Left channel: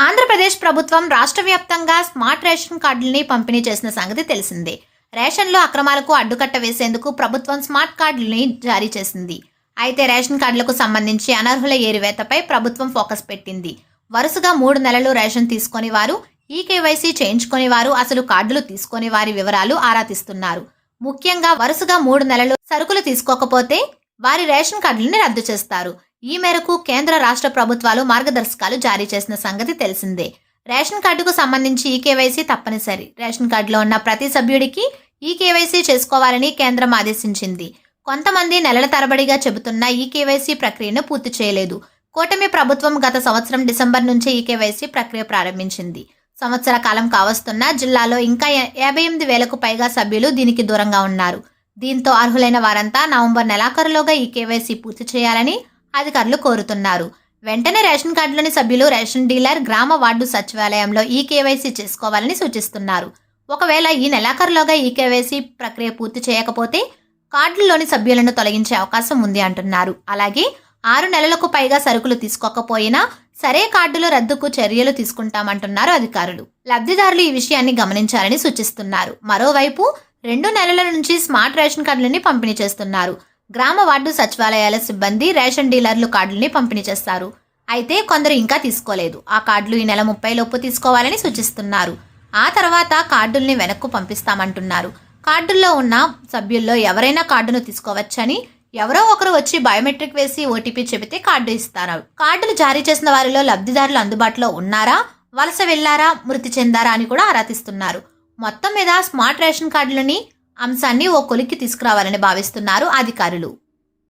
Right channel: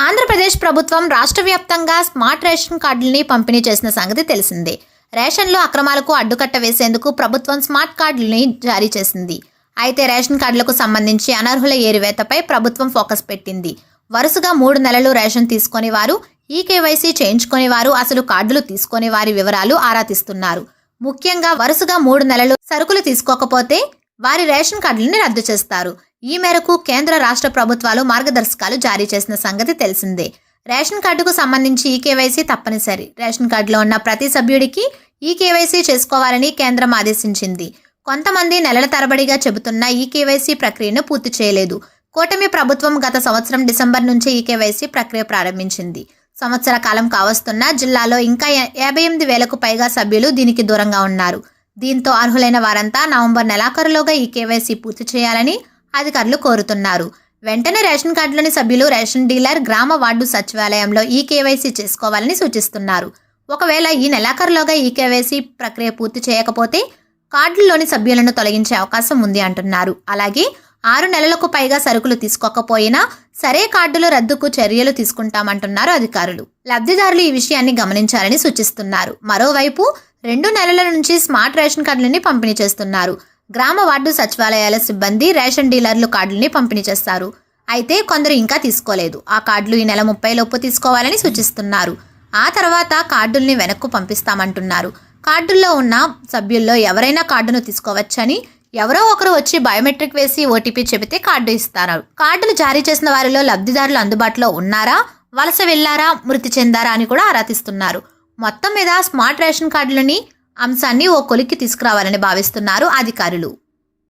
ఆంధ్రప్రదేశ్ ప్రభుత్వం రాష్ట్ర వ్యాప్తంగా స్మార్ట్ రేషన్ కార్డుల్ని పంపిణీ చేసిన సంగతి తెలిసిందే. రేషన్లో అక్రమాలకు అడ్డుకట్ట వేసేందుకు ప్రభుత్వం స్మార్ట్ కార్డుల్ని జారీ చేసింది. అయితే రేషన్ కార్డులకు సంబంధించి అనర్హుల ఏరివేతపై ప్రభుత్వం ఫోకస్ పెట్టింది. వరుసగా మూడు నెలలు రేషన్ తీసుకొని వారు ఈ కేవైసీ చేయించుకొని వారు అసలు కార్డులు తీసుకొని వారి వివరాలు ఆరా తీస్తున్నారు. ముఖ్యంగా వరుసగా మూడు నెలలు సరుకులు తీసుకోకపోతే వారి రేషన్ కార్డులను రద్దు చేస్తారు. ఈ మేరకు కేంద్ర రాష్ట్ర ప్రభుత్వాలు మార్గదర్శకాలు జారీ చేసిన సంగతి తెలిసిందే. రేషన్ కార్డుకు సంబంధించి ఈ కేవైసీ తప్పనిసరి. రేషన్ కార్డులో ఉన్న ప్రతి సభ్యుడికి ఈ కేవైసీ చేసుకోవాలని కేంద్రం ఆదేశించింది. కొంతమంది నెలల తరబడిగా చెబుతున్న ఈ కేవైసీ ప్రక్రియను పూర్తి చేయలేదు. కూటమి ప్రభుత్వం గత సంవత్సరం డిసెంబర్ నుంచి ఈ కేవైసీ ప్రక్రియ ప్రారంభించింది. సంవత్సర కాలం కావస్తున్న జిల్లాలో ఇంకా యాభై ఎనిమిది వేలకు పైగా సభ్యులు దీనికి దూరంగా ఉన్నారు. దీంతో అర్హులైన వారంతా నవంబర్ నెలాఖరులోగా ఈ కేవైసీ పూర్తి చేయాలని అధికారులు కోరుతున్నారు. వెంటనే రేషన్ కార్డులోని సభ్యులు రేషన్ డీలర్ గ్రామ వార్డు సచివాలయంలో ఈ కేవైసీ చేసుకోవాలని సూచిస్తున్నారు. ఒకవేళ ఈ నెలాఖరులోగా ఈ కేవైసీ ప్రక్రియ పూర్తి చేయకపోతే కార్డుల్లోని సభ్యులను తొలగించే అవకాశం ఉంది అంటున్నారు. అలాగే ఆరు నెలలకు పైగా సరుకులు తీసుకోకపోయినా సరే కార్డుల రద్దుకు చర్యలు తీసుకుంటామంటున్నారు అధికారులు. లబ్ధిదారులు ఈ విషయాన్ని గమనించాలని సూచిస్తున్నారు. మరోవైపు రెండు నెలల నుంచి స్మార్ట్ రేషన్ కార్డులని పంపిణీ చేస్తున్నారు. గ్రామ వార్డు సచివాలయాల సిబ్బంది రేషన్ డీలర్లు కార్డుల్ని పంపిణీ చేస్తారు. అయితే కొందరు ఇంకా తీసుకోలేదు. ఆ కార్డులు ఈ నెల ముప్పై లోపు తీసుకోవాలని సూచిస్తున్నారు. ఆ తర్వాత కార్డుల్ని వెనక్కు పంపిస్తామంటున్నారు. కార్డుల్లో ఉన్న సభ్యుల్లో ఎవరైనా కార్డును తీసుకోవచ్చని ఎవరో ఒకరు వచ్చి బయోమెట్రిక్ వేసి ఓటీపీ చెబితే కార్డు ఇస్తారు. కార్డులు జారీ చేసిన వారిలో లబ్ధిదారులు అందుబాటులో ఉన్నారా వలస వెళ్ళారా మృతి చెందారా అని కూడా ఆరా తీస్తున్నారు. మొత్తం మీద స్మార్ట్ రేషన్ కార్డులని అంశాన్ని ఓ కొలిక్కి తీసుకురావాలని భావిస్తున్నారు అధికారులు.